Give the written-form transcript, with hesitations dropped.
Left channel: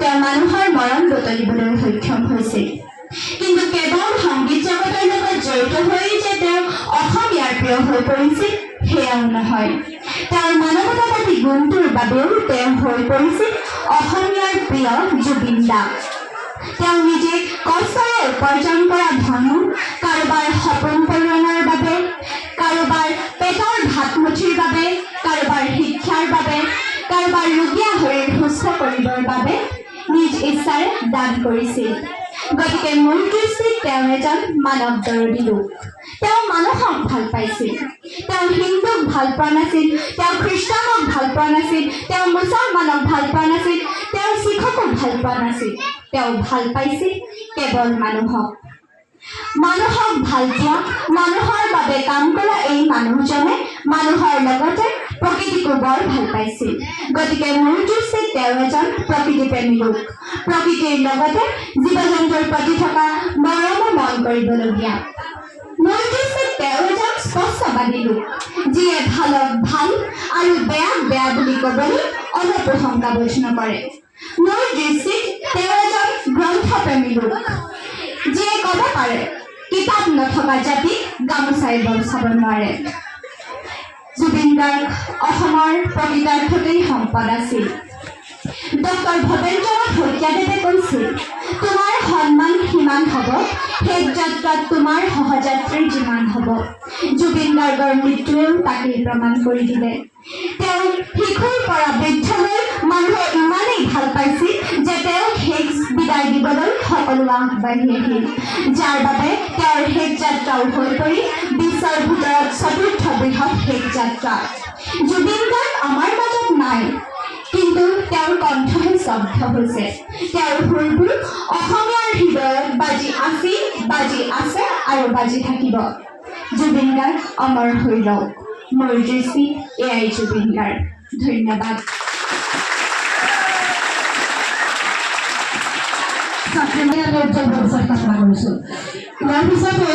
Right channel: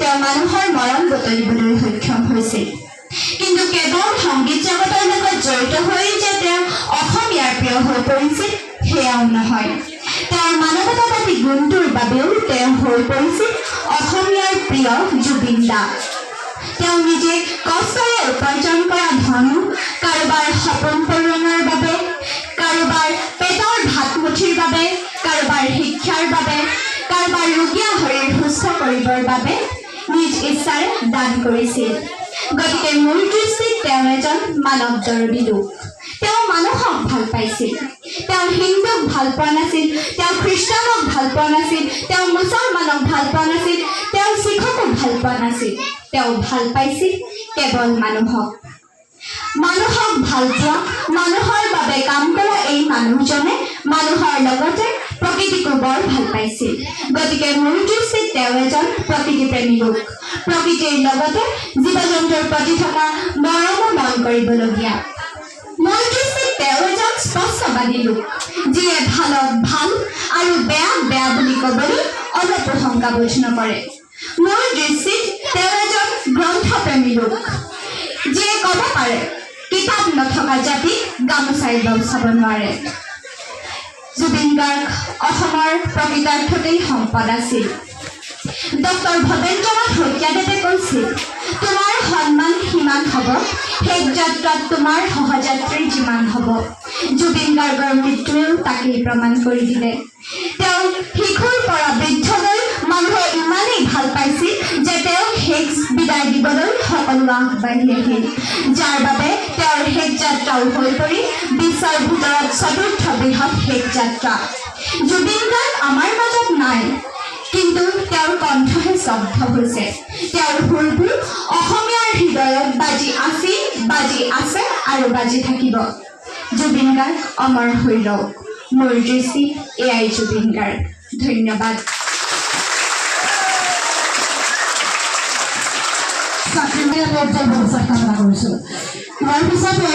তেওঁ মানুহৰ মৰম বুটলিবলৈ সক্ষম হৈছিল। কিন্তু কেৱল সংগীত জগতৰ লগত জড়িত হৈ যে তেওঁ অসমীয়াৰ প্ৰিয় হৈ পৰিছিল সেয়াও নহয়। তেওঁৰ মানৱতাবাদী গুণটোৰ বাবেও তেওঁ হৈ পৰিছিল অসমীয়াৰ প্ৰিয় জুবিন দা। তেওঁ নিজে কষ্টৰে উপাৰ্জন কৰা ধন কাৰোবাৰ সপোন পূৰণৰ বাবে, কাৰোবাৰ পেটৰ ভাতমুঠিৰ বাবে, কাৰোবাৰ শিক্ষাৰ বাবে, কাৰোবাৰ ৰোগীয়া শৰীৰ সুস্থ কৰিবৰ বাবে নিজ ইচ্ছাৰে দান কৰিছিল। গতিকে মোৰ দৃষ্টিত তেওঁ এজন মানৱ দৰদী লোক। তেওঁ মানুহক ভাল পাইছিল। তেওঁ হিন্দুক ভাল পোৱা নাছিল, তেওঁ খ্ৰীষ্টানক ভাল পোৱা নাছিল, তেওঁ মুছলমানক ভাল পোৱা নাছিল, তেওঁ শিখকো ভাল পোৱা নাছিল। তেওঁ ভাল পাইছিল কেৱল মানুহক। মানুহক ভাল পোৱা, মানুহৰ বাবে কাম কৰা এই মানুহজনে মানুহৰ লগতে প্ৰকৃতিকো বৰ ভাল পাইছিল। গতিকে মোৰ দৃষ্টিত তেওঁ এজন প্ৰকৃতিপ্ৰেমী লোক। প্ৰকৃতিৰ লগতে জীৱ জন্তুৰ প্ৰতি থকা মৰমো মন কৰিবলগীয়া। মোৰ দৃষ্টিত তেওঁ এজন স্পষ্টবাদী লোক, যিয়ে ভালক ভাল আৰু বেয়াক বেয়া বুলি ক'বলৈ অলপো শংকাবোধ নকৰে। মোৰ দৃষ্টিত তেওঁ এজন গ্ৰন্থপ্ৰেমী লোক, যিয়ে ক'ব পাৰে কিতাপ নথকা জাতিক গামোচাই চাব নোৱাৰে। জুবিন গাৰ্গ অসমৰ প্ৰকৃতাৰ্থতেই সম্পদ আছিল। ডক্টৰ ভৱেন্দ্ৰনাথ শইকীয়াদেৱে কৈছিল, তোমাৰ সন্মান সিমান হ'ব, শেষ যাত্ৰাত তোমাৰ সহযাত্ৰীৰ যিমান হ'ব। জুবিন গাৰ্গৰ মৃত্যুৱেও তাকেই প্ৰমাণ কৰি দিলে। তেওঁ শিশুৰ পৰা বৃদ্ধলৈ মানুহে ইমানেই ভাল পাইছিল যে তেওঁক শেষ বিদায় দিবলৈ সকলো আগবাঢ়ি আহিল, যাৰ বাবে তেওঁৰ শেষ যাত্ৰাও হৈ পৰি বিশ্বৰ ভিতৰত চতুৰ্থ বৃহৎ শেষ যাত্ৰা। জুবিন গাৰ্গ আমাৰ মাজত নাই, কিন্তু তেওঁৰ কণ্ঠহে স্তব্ধ হৈছে। তেওঁৰ সুৰবোৰ অসমীয়াৰ হৃদয়ত বাজি আছিল, বাজি আছে আৰু বাজি থাকিব। জুবিন গাৰ্গ অমৰ হৈ ৰওক। মোৰ দৃষ্টিত এয়াই জুবিন গাৰ্গ। ধন্যবাদ। চাকৰি ব্যৱস্থাৰ কথা কৈছোঁ। ইয়াৰ পিছতে